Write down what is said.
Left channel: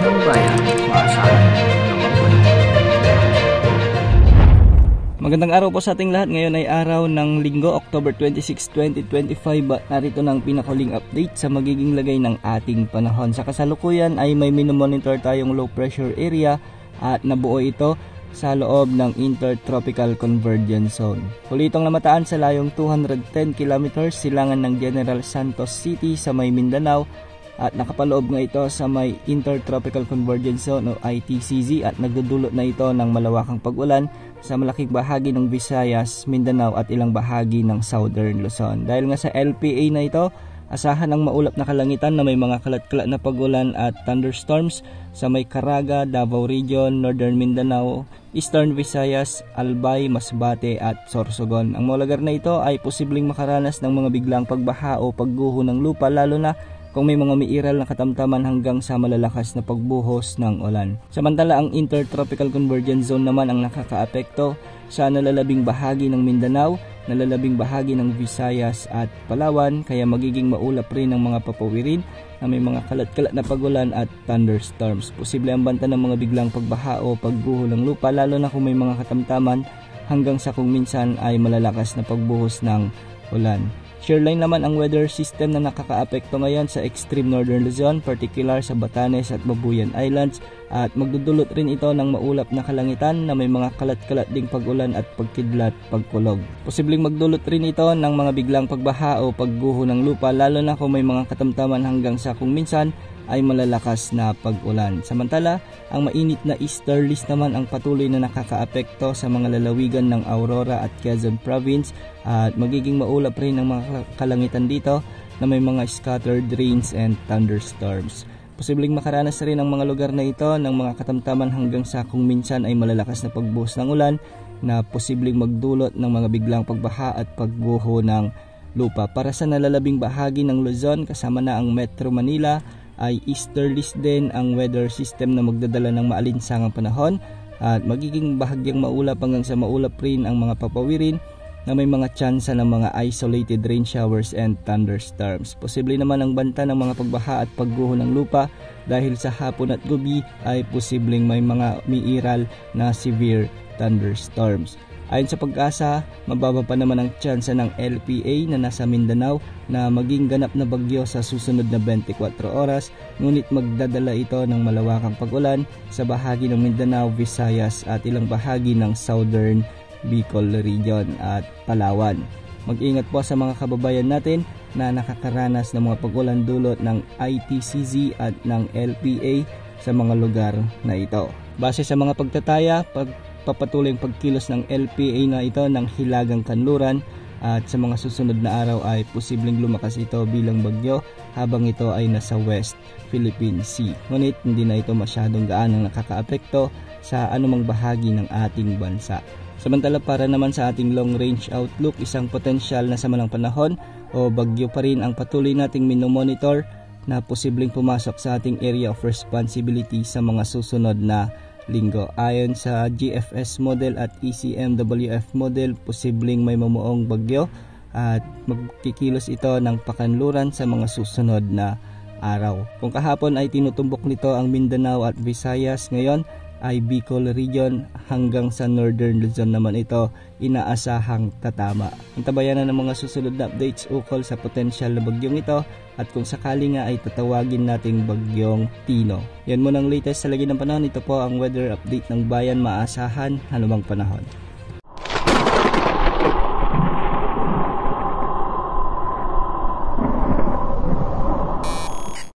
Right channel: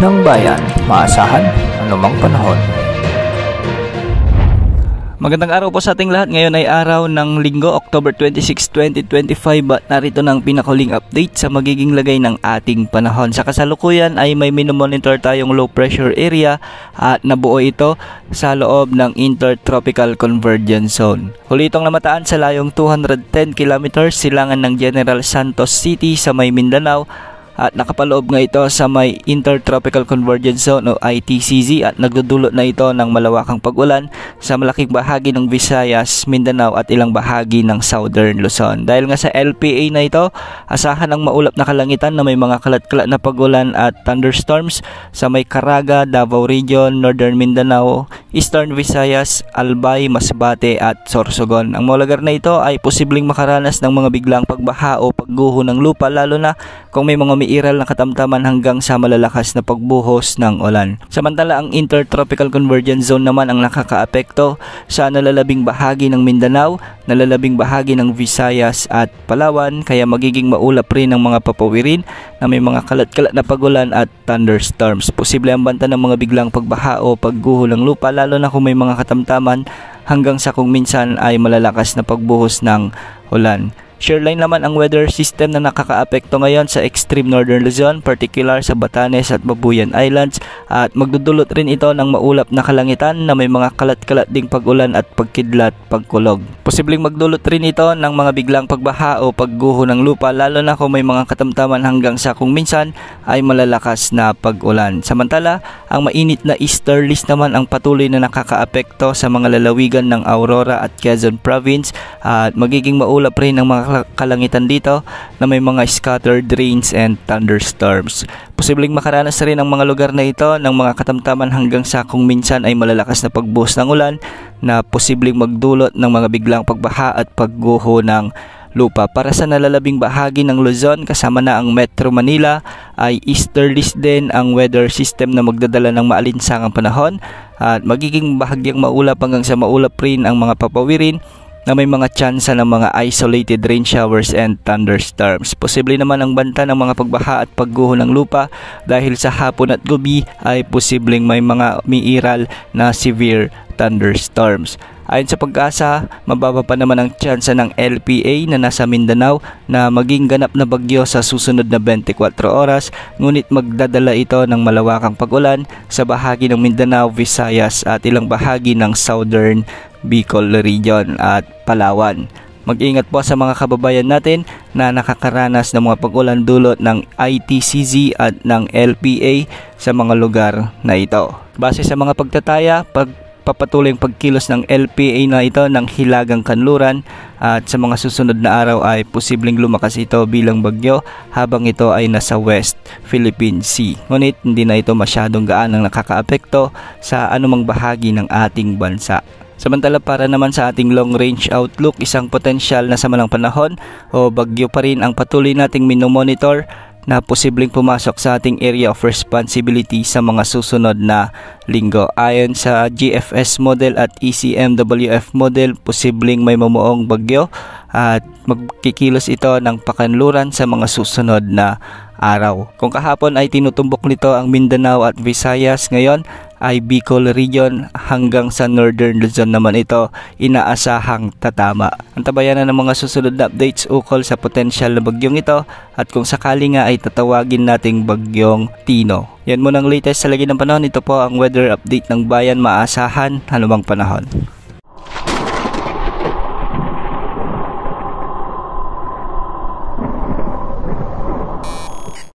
ng bayan, maasahan anumang panahon. Magandang araw po sa ating lahat. Ngayon ay araw ng Linggo, October 26, 2025 at narito ng pinakahuling update sa magiging lagay ng ating panahon. Sa kasalukuyan ay may minomonitor tayong low pressure area at nabuo ito sa loob ng Intertropical Convergence Zone. Huli itong namataan sa layong 210 km silangan ng General Santos City sa may Mindanao at nakapaloob nga ito sa may Intertropical Convergence Zone o ITCZ at nagdudulot na ito ng malawakang pag-ulan sa malaking bahagi ng Visayas, Mindanao at ilang bahagi ng Southern Luzon. Dahil nga sa LPA na ito, asahan ang maulap na kalangitan na may mga kalat-kalat na pag-ulan at thunderstorms sa may Caraga, Davao Region, Northern Mindanao, Eastern Visayas, Albay, Masbate at Sorsogon. Ang mga lugar na ito ay posibleng makaranas ng mga biglang pagbaha o pagguho ng lupa lalo na kung may mga umiiral na katamtaman hanggang sa malalakas na pagbuhos ng ulan. Samantala ang Intertropical Convergence Zone naman ang nakakaapekto sa nalalabing bahagi ng Mindanao, nalalabing bahagi ng Visayas at Palawan kaya magiging maulap rin ang mga papawirin na may mga kalat-kalat na pagulan at thunderstorms. Posible ang banta ng mga biglang pagbaha o pagguho ng lupa lalo na kung may mga katamtaman hanggang sa kung minsan ay malalakas na pagbuhos ng ulan. Shareline naman ang weather system na nakakaapekto ngayon sa extreme northern Luzon, particular sa Batanes at Babuyan Islands at magdudulot rin ito ng maulap na kalangitan na may mga kalat-kalat ding pag-ulan at pagkidlat, pagkulog. Posibleng magdulot rin ito ng mga biglang pagbaha o pagguho ng lupa lalo na kung may mga katamtaman hanggang sa kung minsan ay malalakas na pag-ulan. Samantala, ang mainit na easterlies naman ang patuloy na nakakaapekto sa mga lalawigan ng Aurora at Quezon Province at magiging maulap rin ang mga kalangitan dito na may mga scattered rains and thunderstorms. Posibleng makaranas rin ang mga lugar na ito ng mga katamtaman hanggang sa kung minsan ay malalakas na pagbuhos ng ulan na posibleng magdulot ng mga biglang pagbaha at pagguho ng lupa. Para sa nalalabing bahagi ng Luzon kasama na ang Metro Manila ay easterlies din ang weather system na magdadala ng maalinsangang panahon at magiging bahagyang maulap hanggang sa maulap rin ang mga papawirin na may mga tsansa ng mga isolated rain showers and thunderstorms. Posible naman ang banta ng mga pagbaha at pagguho ng lupa dahil sa hapon at gabi ay posibleng may mga umiiral na severe thunderstorms. Ayon sa Pag-asa, mababa pa naman ang tsansa ng LPA na nasa Mindanao na maging ganap na bagyo sa susunod na 24 oras, ngunit magdadala ito ng malawakang pag-ulan sa bahagi ng Mindanao, Visayas at ilang bahagi ng Southern Bicol Region at Palawan. Mag-ingat po sa mga kababayan natin na nakakaranas ng mga pag-ulan dulot ng ITCZ at ng LPA sa mga lugar na ito. Base sa mga pagtataya, papatuloy ang pagkilos ng LPA na ito ng Hilagang Kanluran at sa mga susunod na araw ay posibleng lumakas ito bilang bagyo habang ito ay nasa West Philippine Sea. Ngunit hindi na ito masyadong gaanang nakakaapekto sa anumang bahagi ng ating bansa. Samantala para naman sa ating long range outlook, isang potensyal na samalang panahon o bagyo pa rin ang patuloy nating minomonitor na posibleng pumasok sa ating area of responsibility sa mga susunod na linggo. Ayon sa GFS model at ECMWF model, posibleng may mamuong bagyo at magkikilos ito ng pakanluran sa mga susunod na araw. Kung kahapon ay tinutumbok nito ang Mindanao at Visayas, ngayon ay Bicol Region hanggang sa Northern Luzon naman ito inaasahang tatama. Antabayan na ng mga susunod na updates ukol sa potensyal na bagyong ito at kung sakali nga ay tatawagin nating bagyong Tino. Yan muna ang latest sa lagi ng panahon. Ito po ang weather update ng bayan, maasahan anumang panahon.